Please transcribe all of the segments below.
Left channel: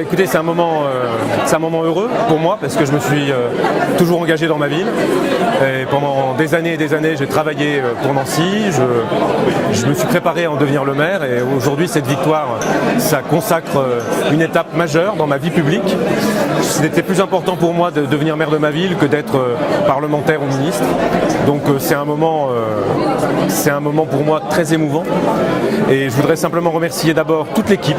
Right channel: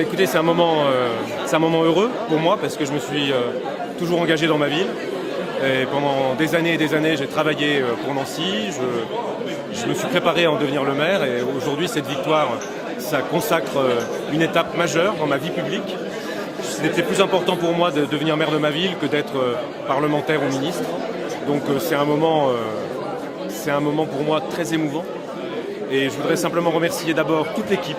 Écoutez, c'est un moment heureux pour moi parce que je me suis toujours engagé dans ma ville. Et pendant des années et des années, j'ai travaillé pour Nancy. Je me suis préparé à en devenir le maire. Et aujourd'hui, cette victoire, ça consacre une étape majeure dans ma vie publique. C'était plus important pour moi de devenir maire de ma ville que d'être parlementaire ou ministre. Donc c'est un moment pour moi très émouvant. Et je voudrais simplement remercier d'abord toute l'équipe,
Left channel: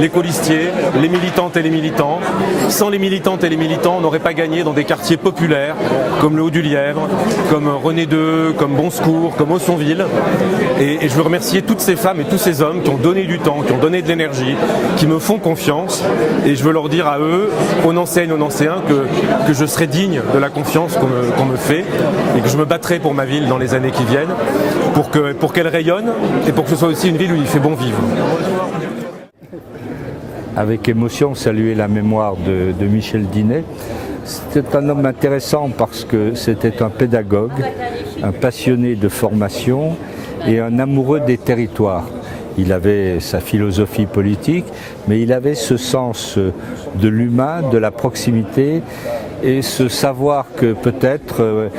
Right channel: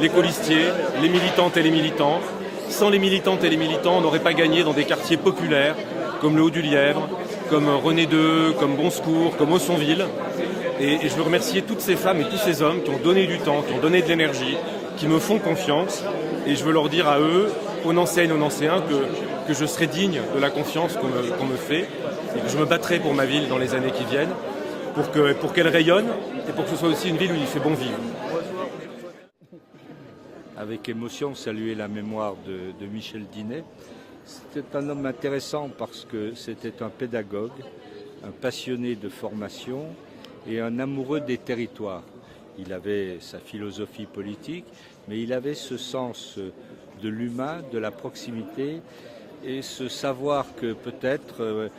les colistiers, les militantes et les militants. Sans les militantes et les militants, on n'aurait pas gagné dans des quartiers populaires comme le Haut-du-Lièvre, comme René II, comme Bon Secours, comme Aussonville. Et je veux remercier toutes ces femmes et tous ces hommes qui ont donné du temps, qui ont donné de l'énergie, qui me font confiance. Et je veux leur dire à eux, aux Nancéennes, aux Nancéens, que je serai digne de la confiance qu'on me fait et que je me battrai pour ma ville dans les années qui viennent, pour qu'elle rayonne et pour que ce soit aussi une ville où il fait bon vivre. Avec émotion, saluer la mémoire de Michel Dinet. C'était un homme intéressant parce que c'était un pédagogue, un passionné de formation et un amoureux des territoires. Il avait sa philosophie politique, mais il avait ce sens de l'humain, de la proximité et ce savoir que peut-être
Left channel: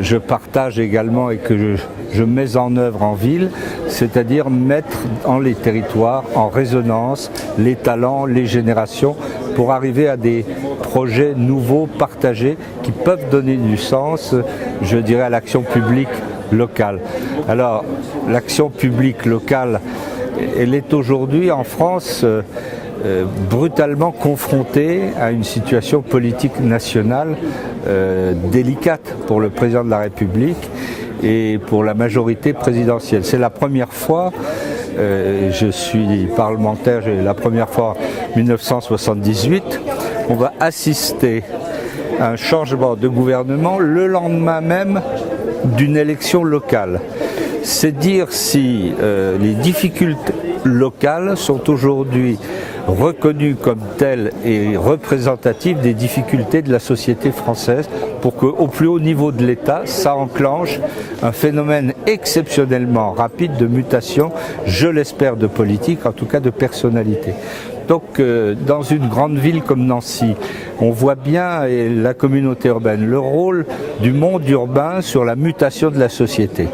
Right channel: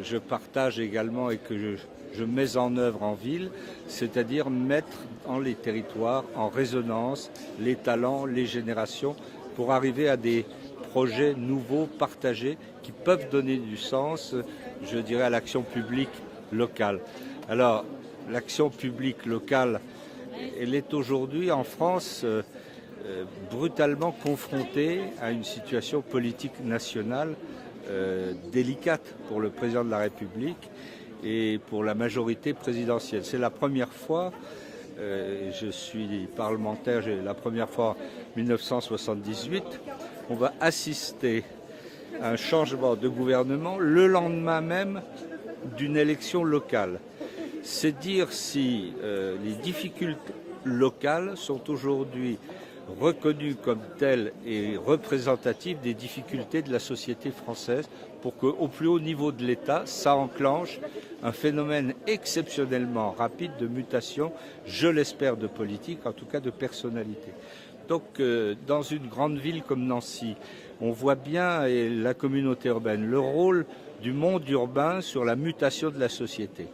je partage également et que je mets en œuvre en ville, c'est-à-dire mettre dans les territoires en résonance les talents, les générations pour arriver à des projets nouveaux, partagés, qui peuvent donner du sens, je dirais, à l'action publique locale. Alors, l'action publique locale, elle est aujourd'hui en France brutalement confrontée à une situation politique nationale délicate pour le président de la République et pour la majorité présidentielle. C'est la première fois, je suis parlementaire, j'ai la première fois en 1978, on va assister à un changement de gouvernement le lendemain même d'une élection locale. C'est dire si les difficultés locales sont aujourd'hui reconnues comme telles et représentatives des difficultés de la société française pour qu'au plus haut niveau de l'État, ça enclenche un phénomène exceptionnellement rapide de mutation, je l'espère de politique, en tout cas de personnalité. Donc dans une grande ville comme Nancy, on voit bien, et la communauté urbaine, le rôle du monde urbain sur la mutation de la société.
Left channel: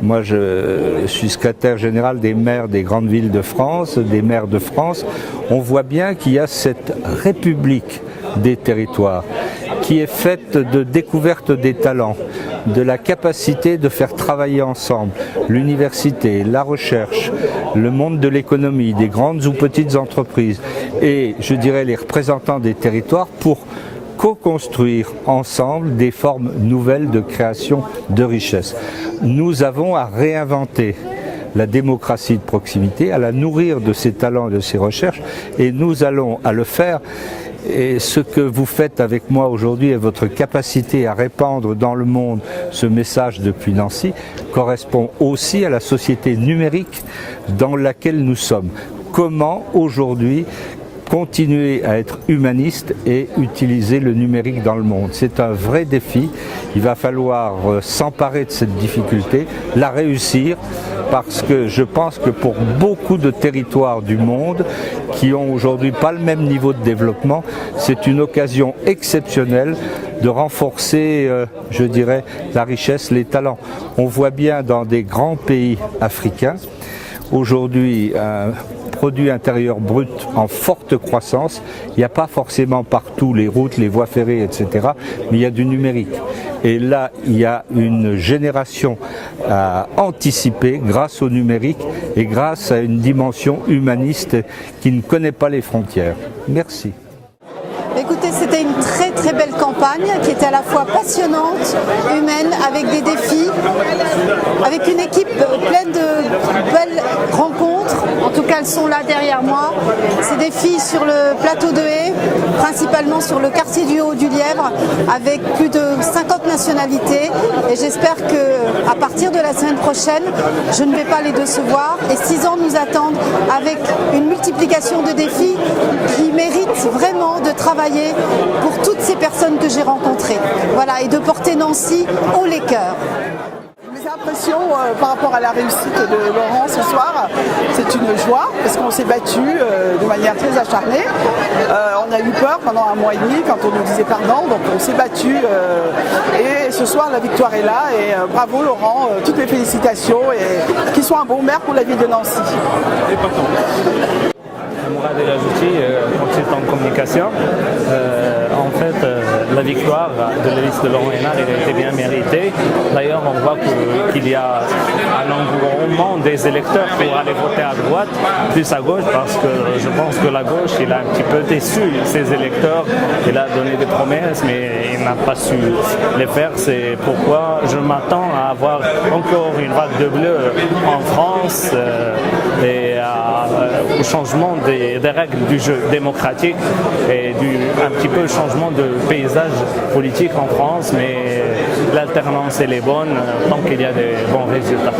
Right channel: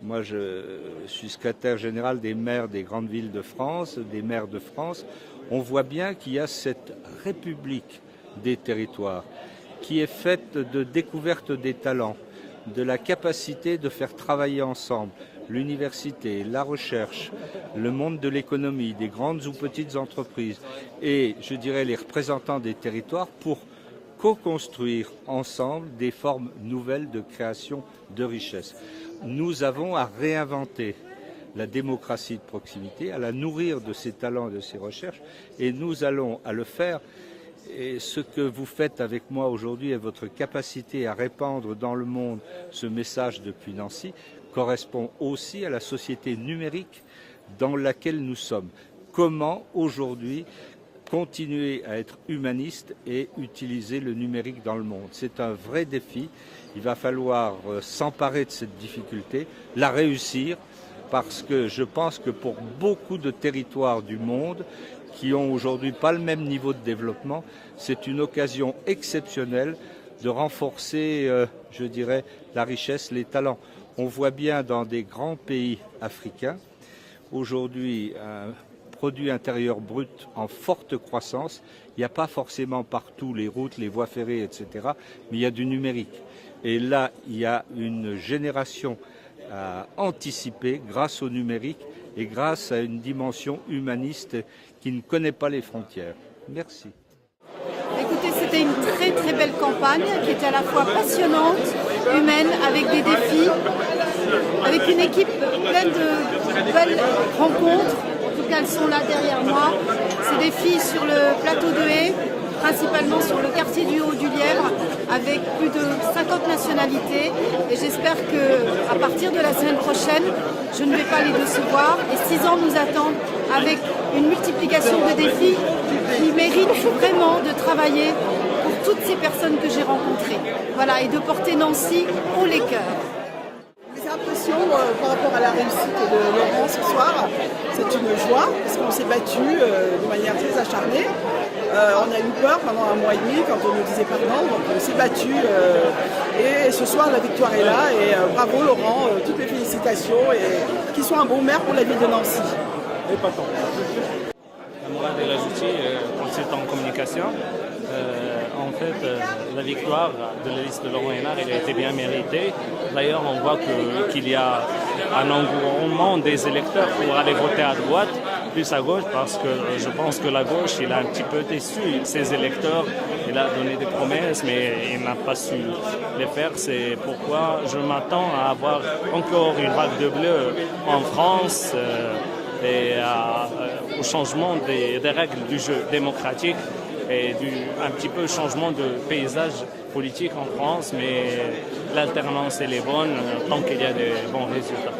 Moi, je suis secrétaire général des maires des grandes villes de France, des maires de France. On voit bien qu'il y a cette république des territoires qui est faite de découverte des talents, de la capacité de faire travailler ensemble l'université, la recherche, le monde de l'économie, des grandes ou petites entreprises et, je dirais, les représentants des territoires pour co-construire ensemble des formes nouvelles de création de richesse. Nous avons à réinventer la démocratie de proximité, à la nourrir de ses talents et de ses recherches, et nous allons à le faire. Et ce que vous faites avec moi aujourd'hui et votre capacité à répandre dans le monde ce message depuis Nancy correspond aussi à la société numérique dans laquelle nous sommes. Comment aujourd'hui continuer à être humaniste et utiliser le numérique dans le monde. C'est un vrai défi. Il va falloir s'emparer de cette difficulté, la réussir, parce que je pense que pour beaucoup de territoires du monde qui ont aujourd'hui pas le même niveau de développement, c'est une occasion exceptionnelle de renforcer, je dirais, la richesse, les talents. On voit bien dans des grands pays africains, aujourd'hui, un produit intérieur brut en forte croissance. Il n'y a pas forcément partout les routes, les voies ferrées, etc. Mais il y a du numérique. Et là, il y a une génération à anticiper grâce au numérique et grâce à une dimension humaniste qui ne connaît pas les frontières. Merci. Écoutez, c'était une très très belle campagne qui était à la fois passionnante, humaine, avec des défis, avec une équipe pleine de belles rencontres. En tout cas, elles sont là derrière moi. Ces défis sur le plateau de Haye, principalement sur le quartier du Haut-du-Lièvre, avec plus de 50 nationalités. Et j'espère qu'à partir de la semaine prochaine, je ne vais pas les décevoir. Et 6 ans nous attendent avec une multiplication de défis qui méritent vraiment de travailler pour toutes ces personnes que j'ai rencontrées. Voilà, et de porter Nancy haut les cœurs. Mes impressions par rapport à la réussite de Laurent ce soir, c'est c'est une joie parce qu'on s'est battu de manière très acharnée. On a eu peur pendant un mois et demi quand on nous disait pardon, donc on s'est battu et ce soir la victoire est là et bravo Laurent, toutes mes félicitations et qu'il soit un bon maire pour la ville de Nancy. Mourad El Ajouti, consultant en communication. En fait, la victoire de la liste de Laurent Hénard était bien méritée. D'ailleurs, on voit qu'il y a un engouement des électeurs pour aller voter à droite, plus à gauche, parce que je pense que la gauche, il a un petit peu déçu ses électeurs. Il a donné des promesses, mais il n'a pas su les faire. C'est pourquoi je m'attends à avoir encore une vague de bleu en France et au changement des règles du jeu démocratique et un petit peu changement de paysage politique en France, mais l'alternance elle est bonne tant qu'il y a des bons résultats.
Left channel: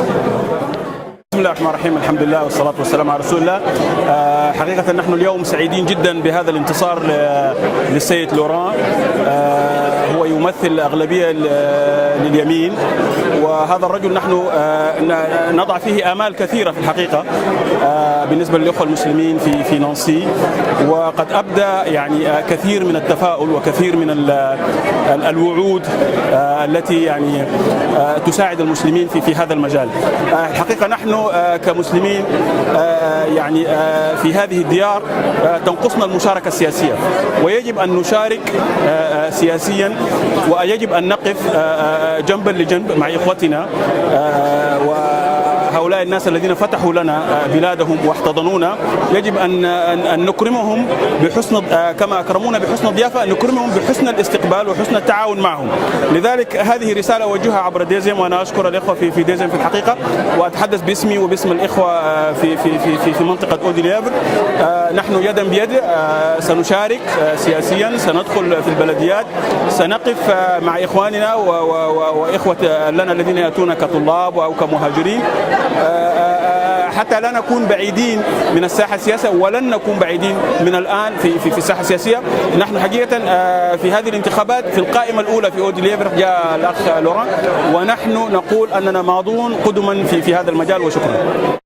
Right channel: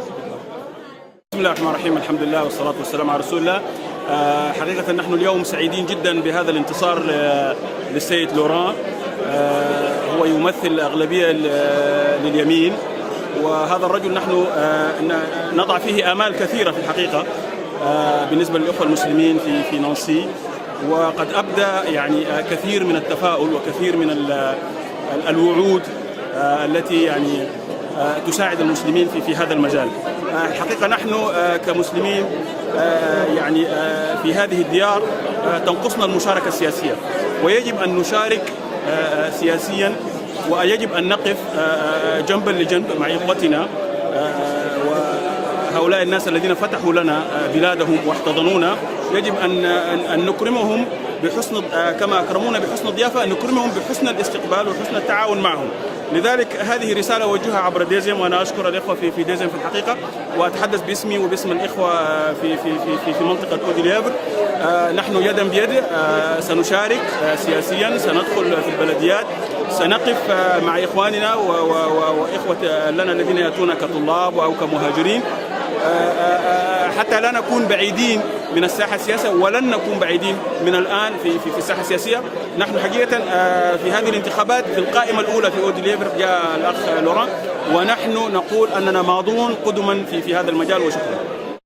بسم الله الرحمن الرحيم الحمد لله والصلاة والسلام على رسول الله. حقيقة نحن اليوم سعيدين جدا بهذا الانتصار للسيد لوران. هو يمثل أغلبية لليمين وهذا الرجل نحن نضع فيه آمال كثيرة في الحقيقة بالنسبة للأخوة المسلمين في نانسي وقد أبدى يعني كثير من التفاؤل وكثير من الوعود التي يعني تساعد المسلمين في هذا المجال. الحقيقة نحن كمسلمين يعني في هذه الديار تنقصنا المشاركة السياسية ويجب أن نشارك سياسيا ويجب أن نقف جنبا لجنب مع إخوتنا وهؤلاء الناس الذين فتحوا لنا بلادهم واحتضنونا. يجب أن نكرمهم بحسن كما أكرمونا بحسن الضيافة، أن نكرمهم بحسن الاستقبال وحسن التعاون معهم. لذلك هذه رسالة أوجهها عبر ديزم وأنا أشكر الإخوة في ديزم في الحقيقة وأتحدث باسمي وباسم الإخوة في منطقة أوديليفر. نحن يدا بيد سنشارك سياسيا، سندخل في البلديات، سنقف مع إخواننا وإخوة لنا الذين يأتون كطلاب أو كمهاجرين حتى لا نكون بعيدين من الساحة السياسية ولن نكون بعيدين من الآن في الساحة السياسية. نحن حقيقة في هذه الانتخابات في القائمة الأولى في أوديليفر جاء الأخ لوران ونحن نقول أننا ماضون قدما في هذا المجال وشكرا.